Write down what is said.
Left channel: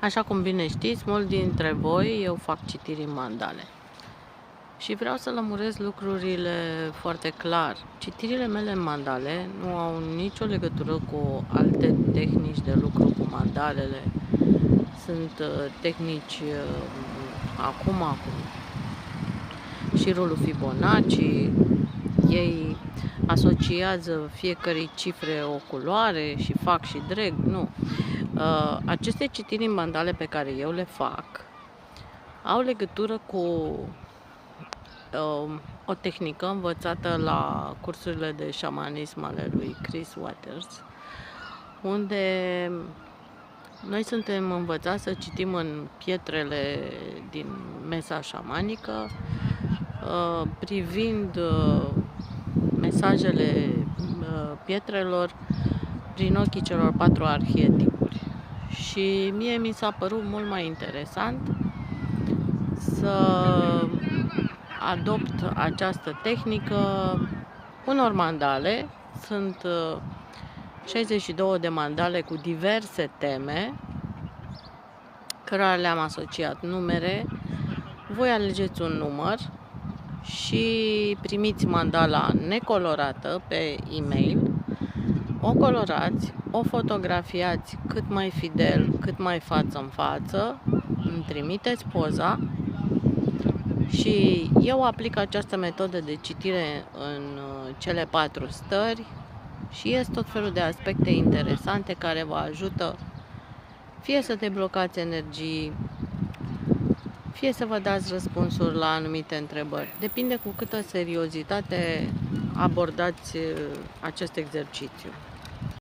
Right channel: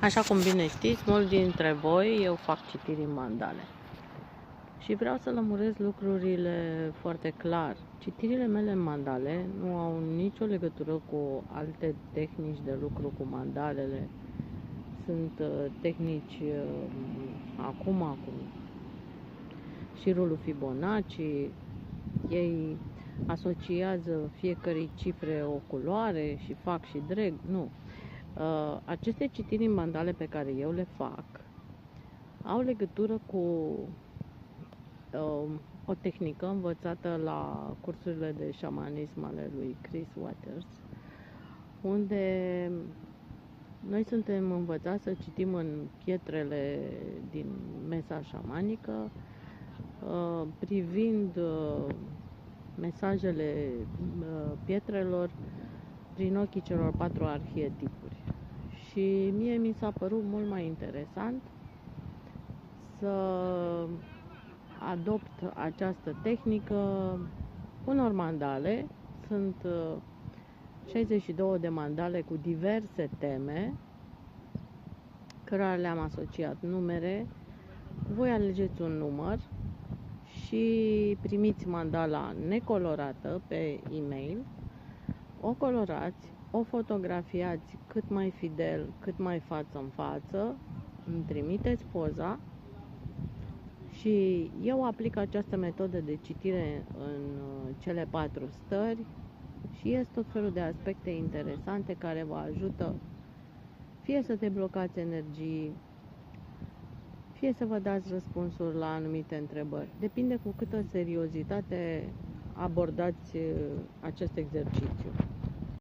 Așa cum bine știți, mulți dintre voi, eu fac citiri în mandale. Și vreau să lămuresc lucrurile foarte clar. Citirile mele în mandale nu au nicio legătură cu alte tehnici de lucru cu mandalele. Sunt tehnici acum șirul Fibonacci. Ei asociază fiecare cifre o culoare și fac și drag. Nu. Aceste citiri în mandale pe care eu le fac au legătură cu o tehnică învățată la cursurile de șamanism ale lui Chris Waters, unde noi suntem învățați să citim în pietrele din mesa șamanică, privind mesajele pietrelor prin ochii celor 4 arhetipuri. Și mie mi s-a părut mult mai interesant să adopt această tehnică unor mandale. Sunt 62 de mandale cu diverse teme, cărora le-am asociat numere. Voi alegeți un număr și primiți mandala necolorată pe e-mail. O colorați, o fotografiați cât mai fidel, cât mai față în față, îmi trimiteți poza și eu aplic această metodă de citire în cele 4 stări și ies tot felul de aspecte interesante care vă ajută fie să deblocați energii, fie să vă dați răspunsuri la anumite întrebări. Depinde cu câtă seriozitate abordați acest exercițiu.